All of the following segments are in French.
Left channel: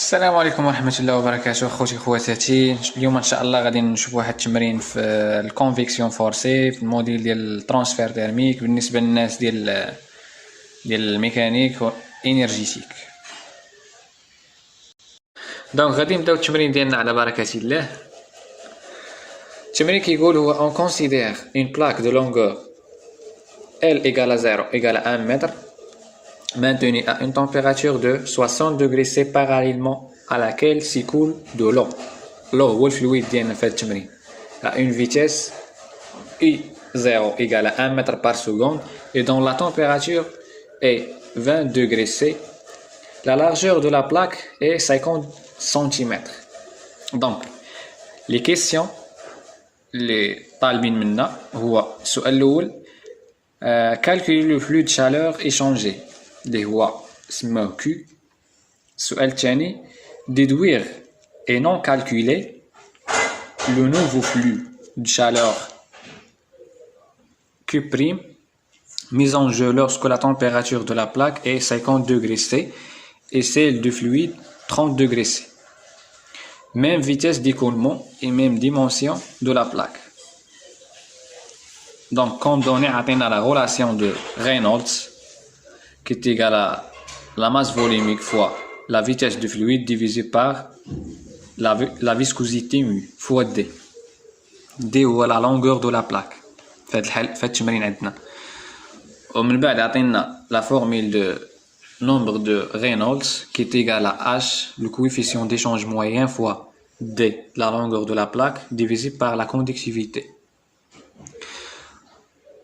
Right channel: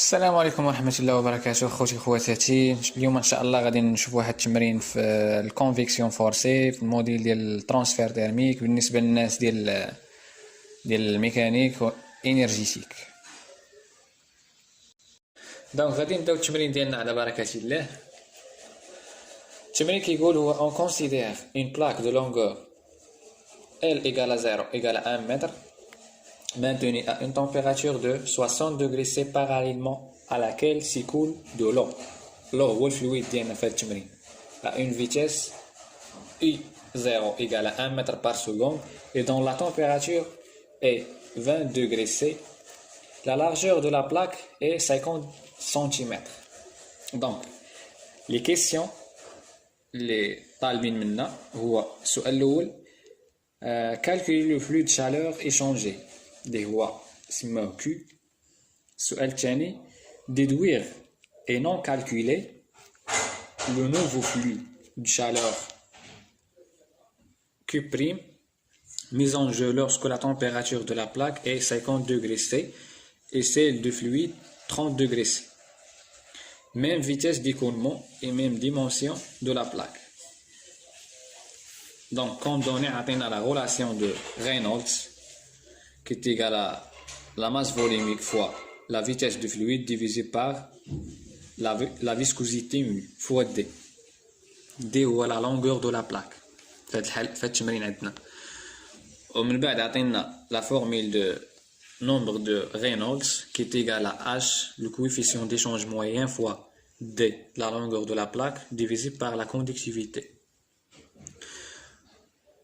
السلام عليكم ورحمة الله وبركاته أخوتي خواتاتي. اليوم إن شاء الله غادي نشوف واحد التمرين في الكونفيكسيون فورسي في الموديل ديال الترانسفير تيرميك بالنسبة للناس ديال الميكانيك انرجيتيك. دونك غادي نبداو التمرين ديالنا على بركة الله. التمرين كيقول هو on considère une plaque de longueur L égale à 0 égale à 1 mètre maintenue à une température de 60 degrés C parallèlement à laquelle s'écoule de l'eau. L'eau هو الفلويد ديالنا في هذا التمرين à une vitesse I0 égale à 1 mètre par seconde et dont la température est 20 degrés C. La largeur de la plaque est 50 cm. Donc les questions اللي طالبين منا هو السؤال الأول calculer le flux de chaleur échangé اللي هو سموه Q. السؤال الثاني déduire et non calculer le nouveau flux de chaleur Q' mis en jeu lorsque la température de la plaque est 50 degrés C et celle du fluide 30 degrés C. Même vitesse d'écoulement et même dimension de la plaque. Donc, comme donné, on a la relation de Reynolds qui est égale à la masse volumique fois la vitesse du fluide divisé par la viscosité mu fois D. D هو la longueur de la plaque. في هذا التمرين عندنا. ومن بعد عطينا la formule de nombre de Reynolds qui est égal à H, le coefficient d'échange moyen fois D, la longueur de la plaque, divisé par la conductivité.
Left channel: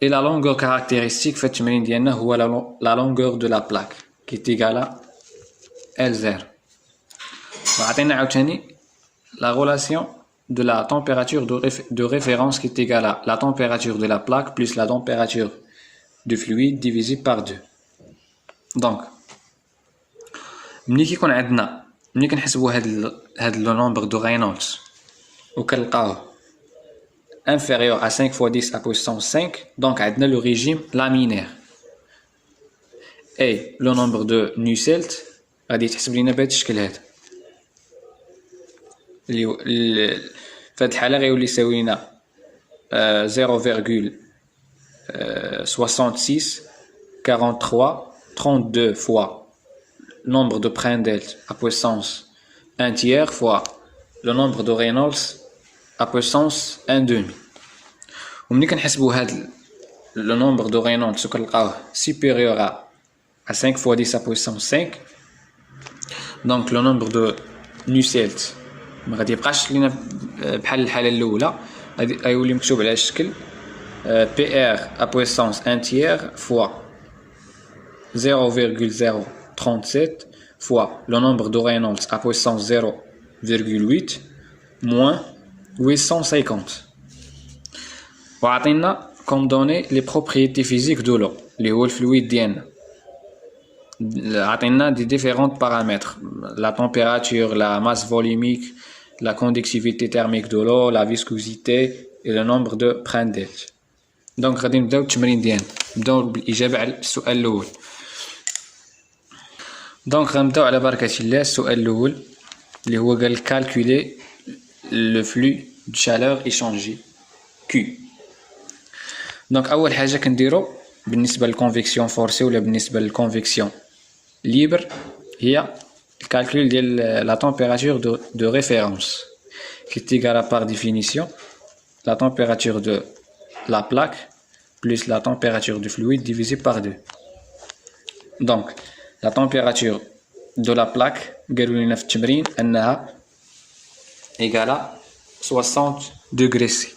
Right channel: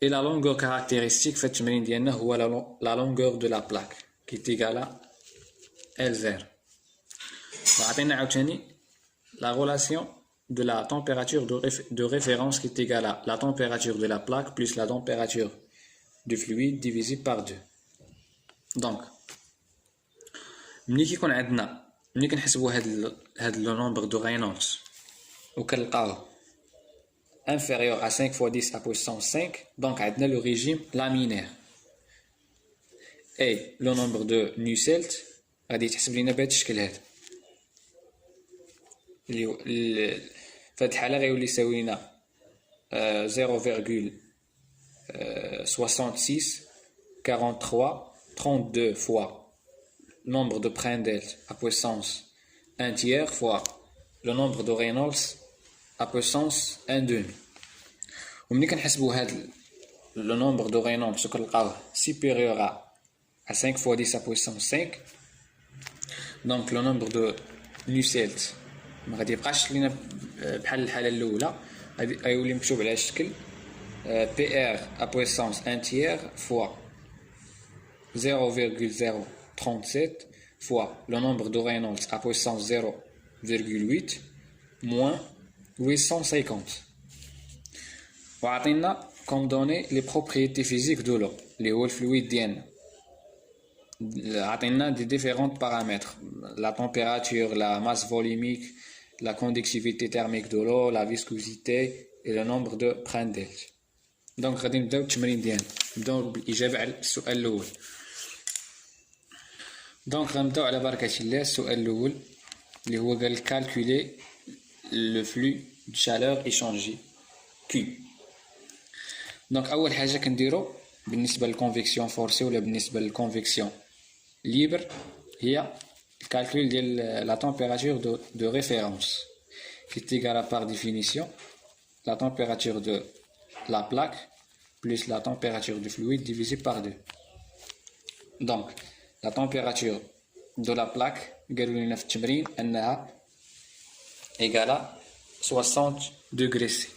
Et la longueur caractéristique fait la longueur de la plaque qui est égale à L0. La relation de la température de référence qui est égale à la température de la plaque plus la température du fluide divisé par 2. Donc, ملي كيكون عندنا ملي كنحسبوا هاد لو نومبر دو رينولدز وكنلقاوه inférieur à 5 fois 10 à puissance 5, donc عندنا le régime laminaire. Et le nombre de Nusselt غادي يتحسب لينا بهذا الشكل هذا اللي في هاد الحالة غيولي يساوي لنا 0,66 43 32 fois nombre de Prandtl à puissance 1 tiers fois le nombre de Reynolds à puissance 1 demi. وملي كنحسبوا هاد le nombre de Reynolds وكنلقاوه supérieur à 5 fois 10 à puissance 5, donc le nombre de Nusselt ما غادي يبقاش لينا بحال الحالة الأولى، غيولي مكتوب على الشكل PR à puissance 1 tiers fois 0,037 fois le nombre de Reynolds à puissance 0,8 moins 850. وعطينا comme donné les propriétés physiques de l'eau اللي هو الفلويد ديالنا. عطينا des différents paramètres, la température, la masse volumique, la conductivité thermique de l'eau, la viscosité et le nombre de Prandtl. donc غادي نبداو التمرين ديالنا، نبداو بالإجابة على السؤال الأول. دونك غنبداو على بركة الله. السؤال الأول اللي هو قال calculer le flux de chaleur échangé Q. دونك أول حاجة كنديرو بالنسبة للكونفيكسيون فورسي ولا بالنسبة للكونفيكسيون ليبر هي الكالكول ديال la température de référence qui est égale à par définition la température de la plaque plus la température du fluide divisé par 2. donc la température de la plaque قالوا لنا في التمرين أنها égale à 60 degrés C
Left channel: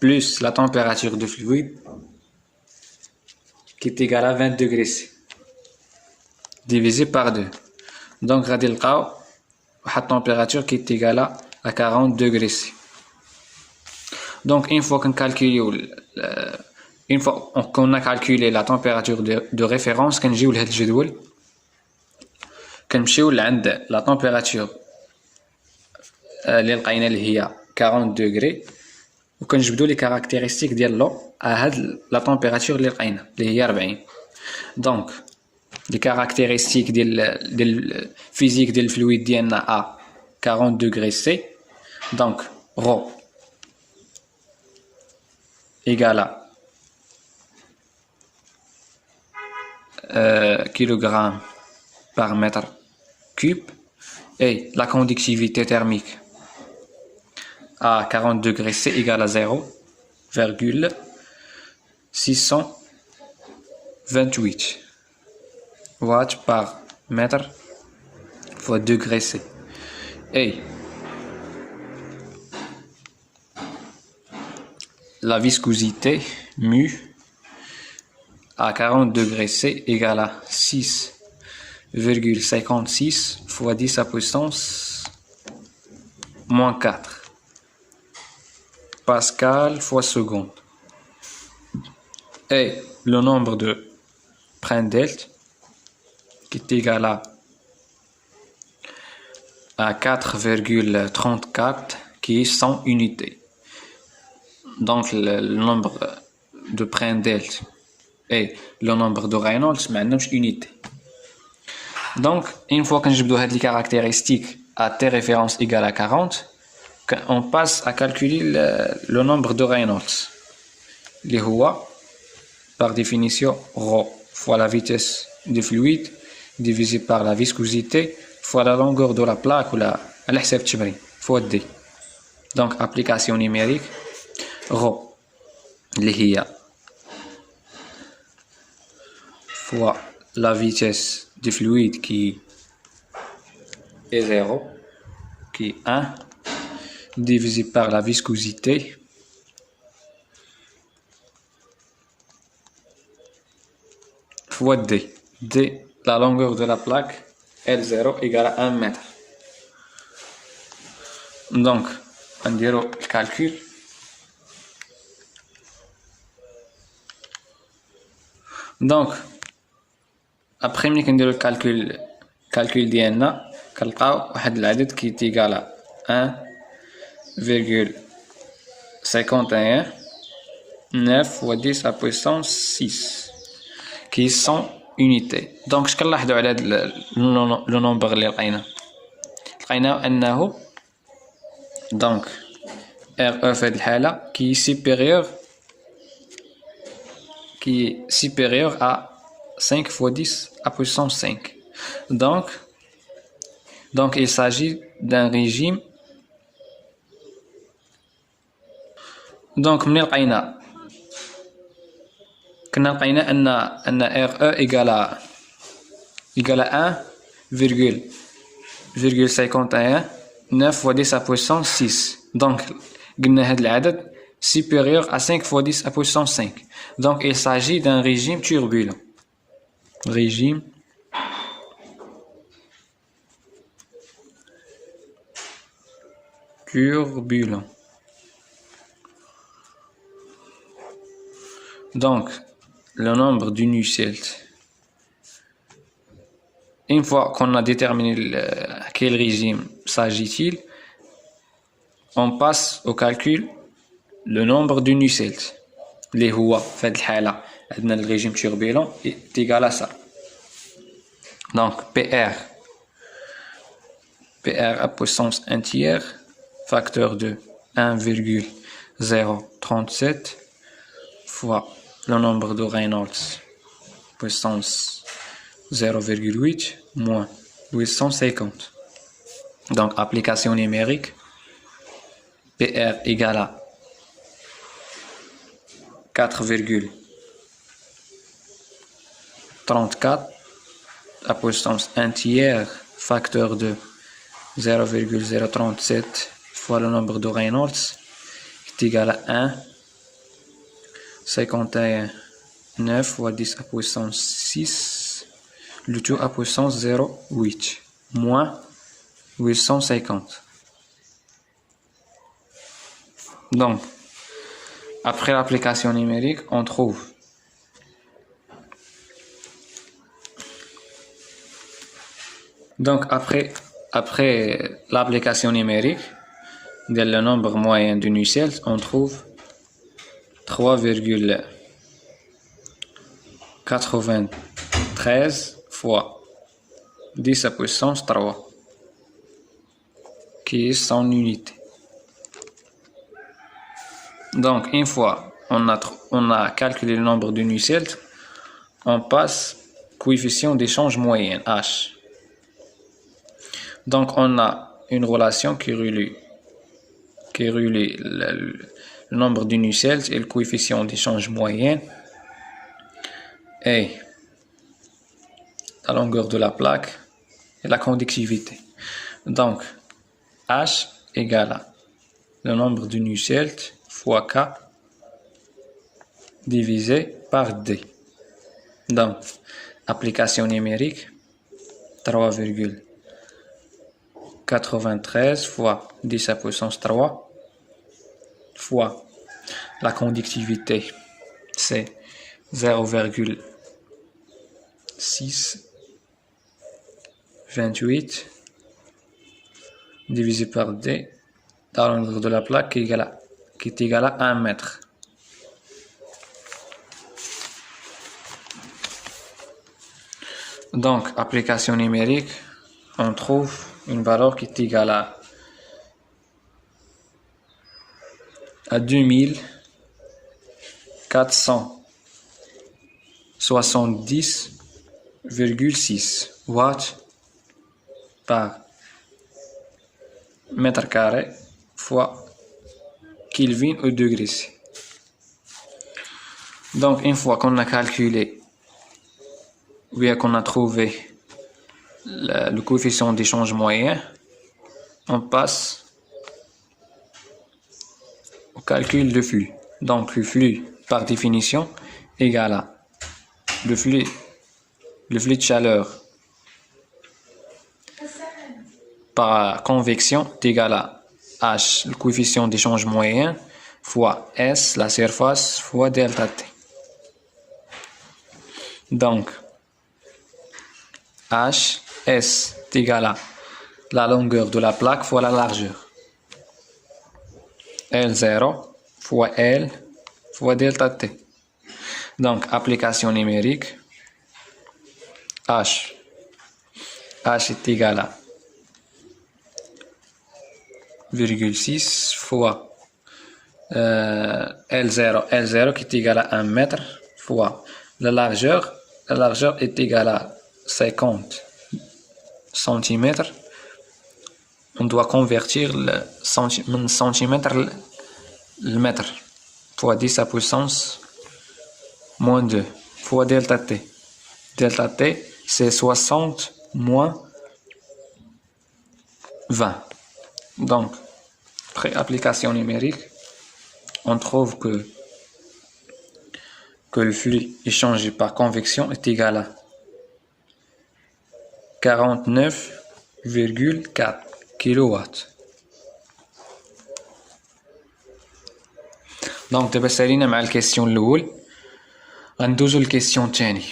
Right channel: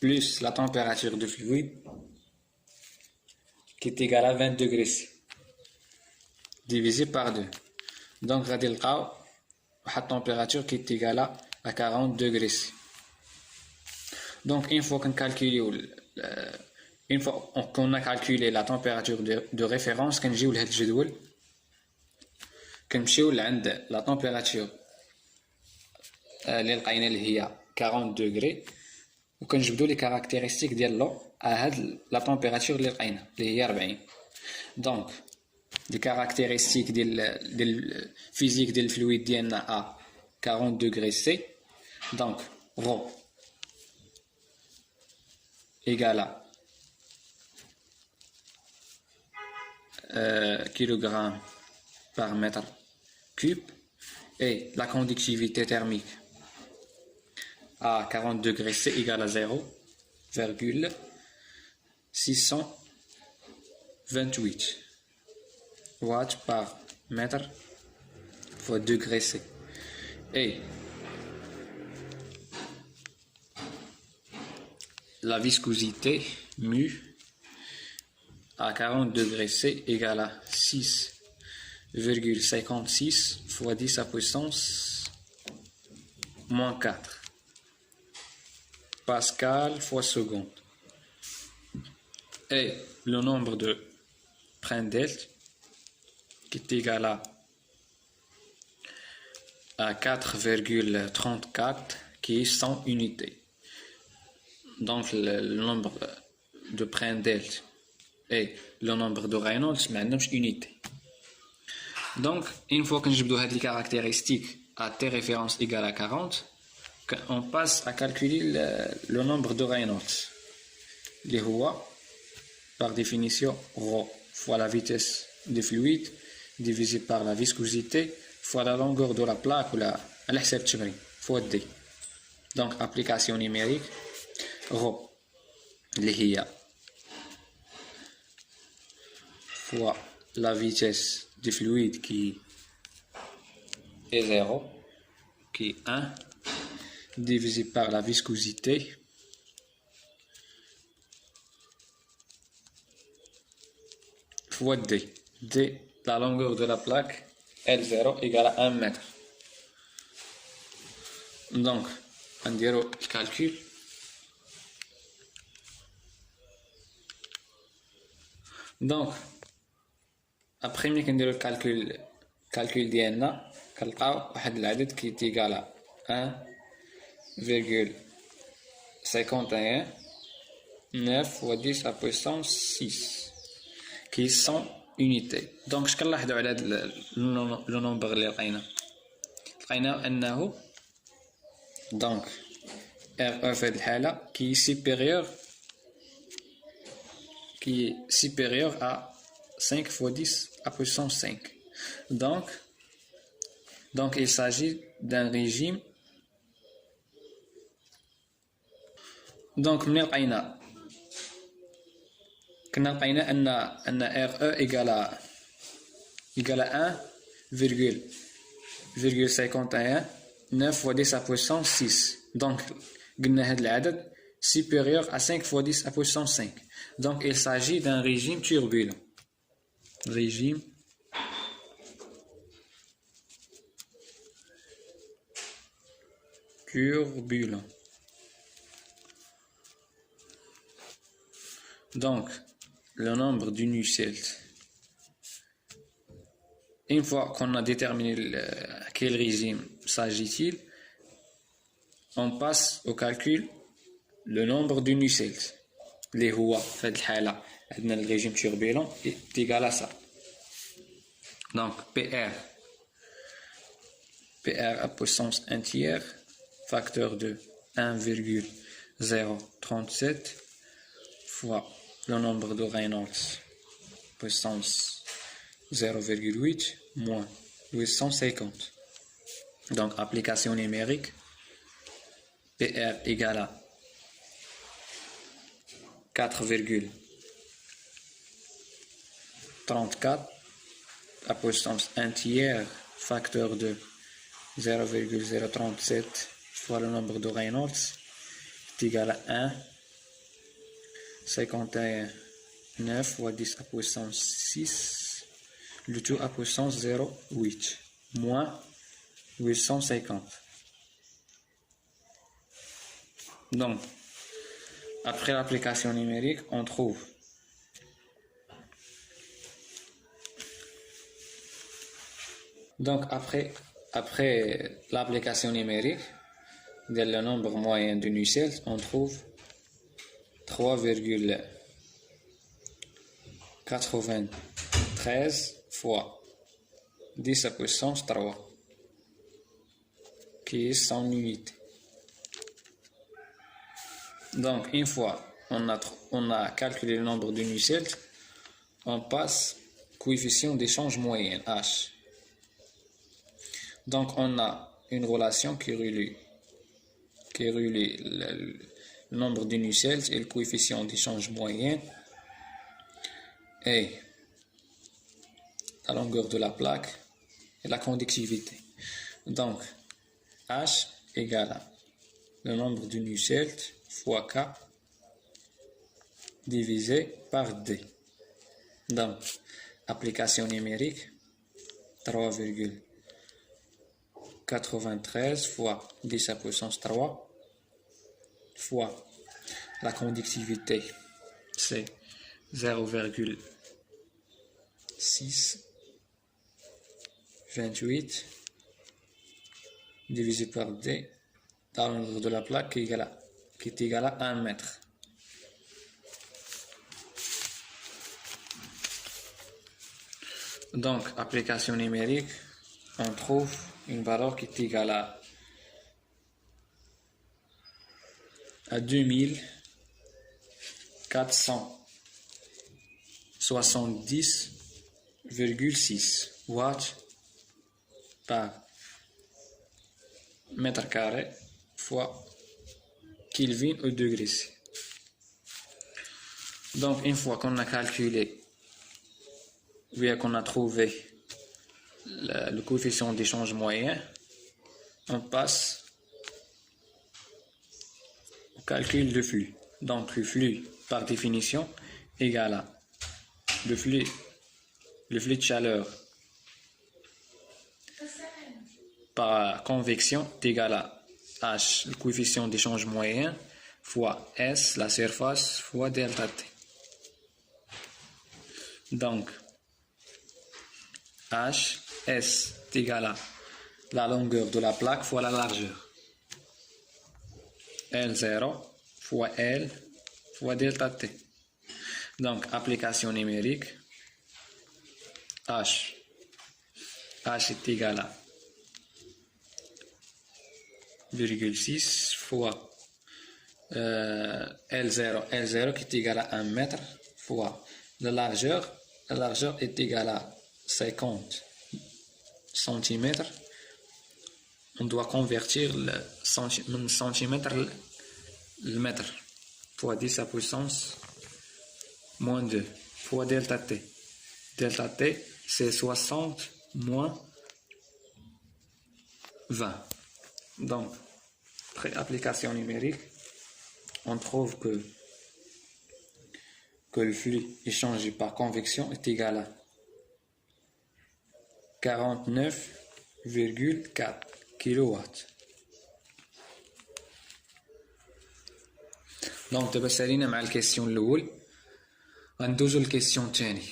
plus la température du fluide qui est égale à 20 degrés C divisé par 2. donc غادي نلقاو واحد température qui est égale à 40 degrés C. donc une fois qu'on a calculé la température de référence كنجيو لهاد الجدول كنمشيو لعند la température اللي لقينا اللي هي 40 degrés وكنجبدو لي كاركتيرستيك ديال لو هاد لا température اللي لقينا اللي هي 40. donc les caractéristiques de physique du fluide ديالنا à 40 degrés C. Donc, ρ égale à kilogramme par mètre cube et la conductivité thermique à 40 degrés C égale à 0,628 watts par mètre fois degré C. Et la viscosité mu à 40 degrés C égale à 6,56 fois 10 à puissance moins 4 pascal fois seconde. Et le nombre de Prandtl qui est égal à 4,34 qui est 100 unités. Donc le nombre de Prandtl et le nombre de Reynolds ما عندهمش unité. Donc une fois que نجبدو هاد les caractéristiques à t référence égale à 40, on passe à calculer le nombre de Reynolds. اللي هو par définition ρ fois la vitesse du fluide divisé par la viscosité fois la longueur de la plaque ou la على حساب التمرين fois d. Donc application numérique ρ اللي هي fois la vitesse du fluide qui est 0 qui est 1 divisé par la viscosité fois d. D, la longueur de la plaque L0 égale à 1 mètre. Donc on dirait le calcul. Donc après ملي كنديرو الكالكول ديالنا كنلقاو واحد العدد كي égal à 1,51 9 fois 10 à puissance 6 qui est 100 unités. Donc اش كنلاحظوا على هذا لو نومبر اللي لقيناه انه donc RE في هذه الحاله qui est supérieur à 5 fois 10 à puissance 5. Donc il s'agit d'un régime. Donc من لقينا ان RE égale à 1,51 9 fois 10 à puissance 6. Donc قلنا هذا العدد supérieur à 5 fois 10 à puissance 5. Donc il s'agit d'un régime turbulent. Régime turbulent. Donc le nombre de Nusselt. Une fois qu'on a déterminé quel régime s'agit-il, on passe au calcul le nombre de Nusselt. اللي هو في هذه الحالة عندنا le régime turbulent est égal à ça. Donc PR à puissance 1 tiers facteur de 1,037 fois le nombre de Reynolds puissance 0,8 moins 850. Donc application numérique PR égale à 4,34 à puissance 1 tiers facteur de 0,037 fois le nombre de Reynolds est égal à 1,51 9 fois 10 à puissance 6 le tout à puissance 0,8 moins 850. Donc après l'application numérique, on trouve donc après l'application numérique de le nombre moyen de Nusselt, on trouve 3,93 fois 10 à puissance 3, qui est son unité. Donc, une fois on a calculé le nombre de Nusselt, on passe coefficient d'échange moyenne, H. Donc, on a une relation qui relie le nombre de Nusselt et le coefficient d'échange moyenne et la longueur de la plaque et la conductivité. Donc, H égale à le nombre de Nusselt fois K divisé par D. Donc, application numérique, 3,93 fois 10 à puissance 3 fois la conductivité, c'est 0,628 divisé par D, la longueur de la plaque qui est égale à 1 mètre. Donc, application numérique, on trouve une valeur qui est égale à 2470,6 watts par mètre carré fois Kelvin au degré C. Donc, une fois qu'on a calculé, ou bien qu'on a trouvé le coefficient d'échange moyen, on passe au calcul de flux. Donc, le flux, par définition, égale à le flux de chaleur par convection est égal à H, le coefficient d'échange moyen, fois S, la surface, fois delta T. Donc, H, S est égal à la longueur de la plaque fois la largeur. L0 fois L fois delta T. Donc, application numérique, H est égal à 0,6 fois L0 qui est égal à 1 mètre fois la largeur est égale à 50 cm. On doit convertir le centimètre le mètre fois 10 à puissance moins 2 fois delta T. Delta T, c'est 60 moins 20. Donc, après application numérique, on trouve que le flux échangé par convection est égal à 49,4 kW. Donc, دابا سالينا مع الكيسيون الأول، غندوزو للكيسيون الثاني.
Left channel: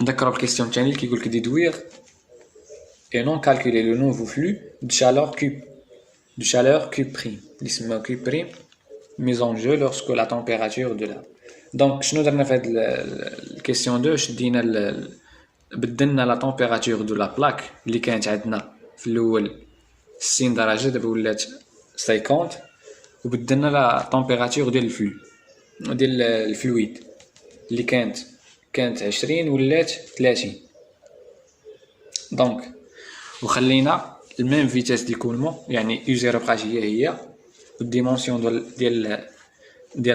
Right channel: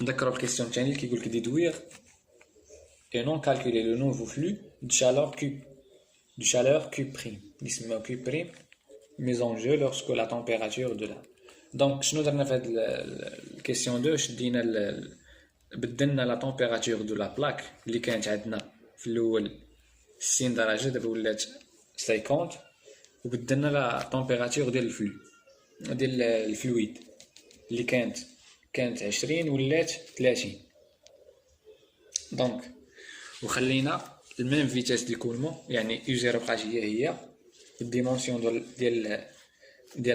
نذكروا الكيسيون الثاني اللي كيقولك déduire et non calculer le nouveau flux de chaleur Q', اللي سماو Q', mise en jeu lorsque la température de la. Donc, شنو درنا في هاد الكيسيون 2؟ شدينا بدلنا لا température de la plaque اللي كانت عندنا في الاول 60 درجه، دابا ولات 50، وبدلنا لا température ديال الفلويد اللي كانت 20 ولات 30. دونك وخلينا الميم فيتاس ديكولمون، يعني U0 بقات هي والديمونسيون ديال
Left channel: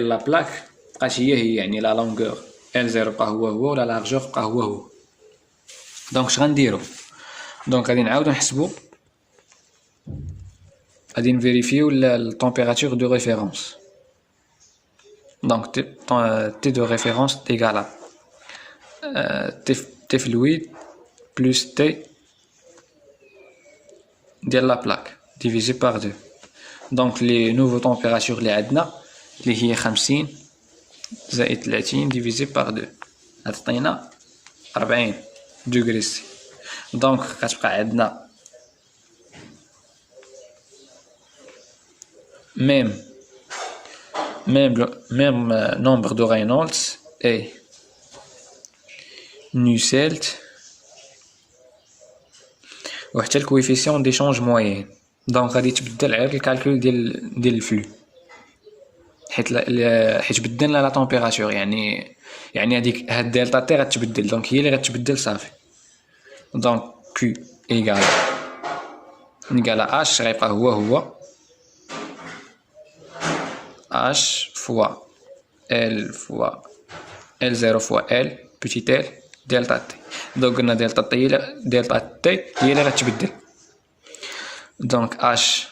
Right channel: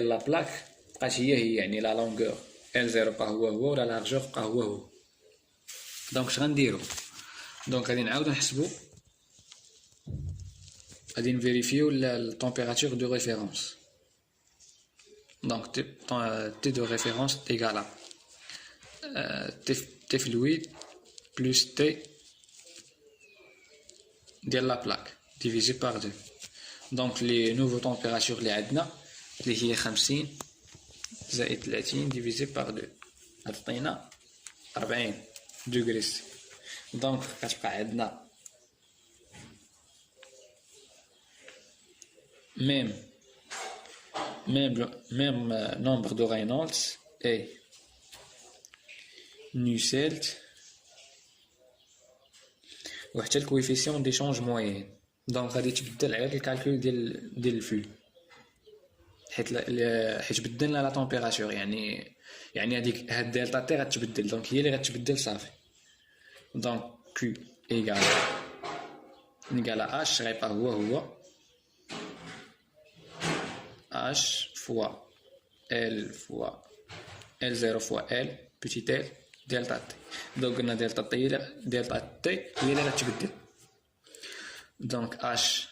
لا بلاك بقات هي، يعني لا لونغور L0 بقى هو ولا لارجور بقى هو. دونك اش غنديرو؟ دونك غادي نعاودو نحسبو، غادي نفيريفيو التمبيراتور دو ريفيرونس. دونك T de référence égale à T fluide plus T de la plaque divisé par 2. Donc les nouveaux températures اللي عندنا اللي هي 50 زائد 30 divisé par 2 غتعطينا 40 degrés C. Donc غتبقى عندنا même nombre de Reynolds et نوسيلت وحتى الكويفيسيون ديشونج موين. دونك غادي تبدل غير الكالكول ديال الفلو، حيت بدلنا لا طومبيراتور، يعني هاد دلتا تي غتبدل، دونك هي اللي غتبدل صافي. دونك كيو ايكال اش غيبقى هو اش فوا ال فوا ال زيرو فوا ال بوتيت ال دلتا تي. دونك قلنا دلتا تي هي اللي غتبدل. دونك اش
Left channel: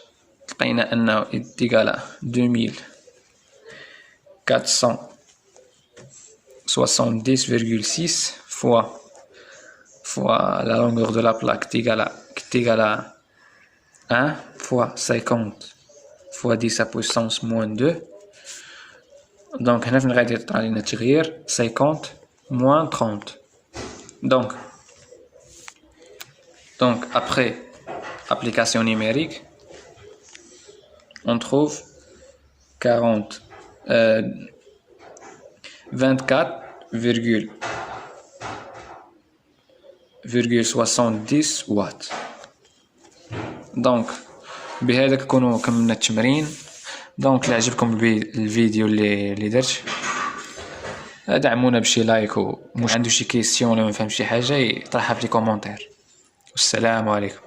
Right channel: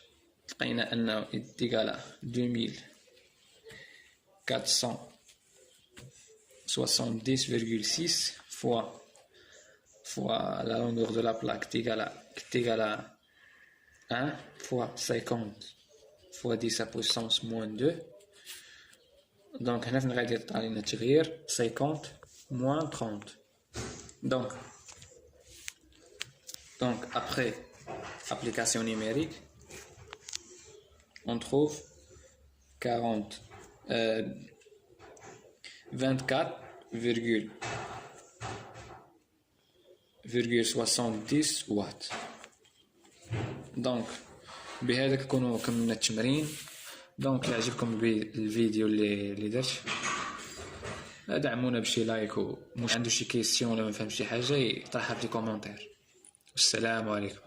لقينا انه ايكال 2470,6 fois la longueur de la plaque qui est égale à 1 fois 50 fois 10 à puissance moins 2. Donc هنا فين غادي يطرا لينا التغيير 50 moins 30. Donc après application numérique, on trouve 24,70 واtt. دونك بهذا كنكونوا كملنا التمرين. دونك لا عجبكم الفيديو اللي درت، دعمونا بشي لايك، ومش عنده شي كيسيون ولا ما فهمش شي حاجه يطرحها في لي كومونتير. والسلام عليكم.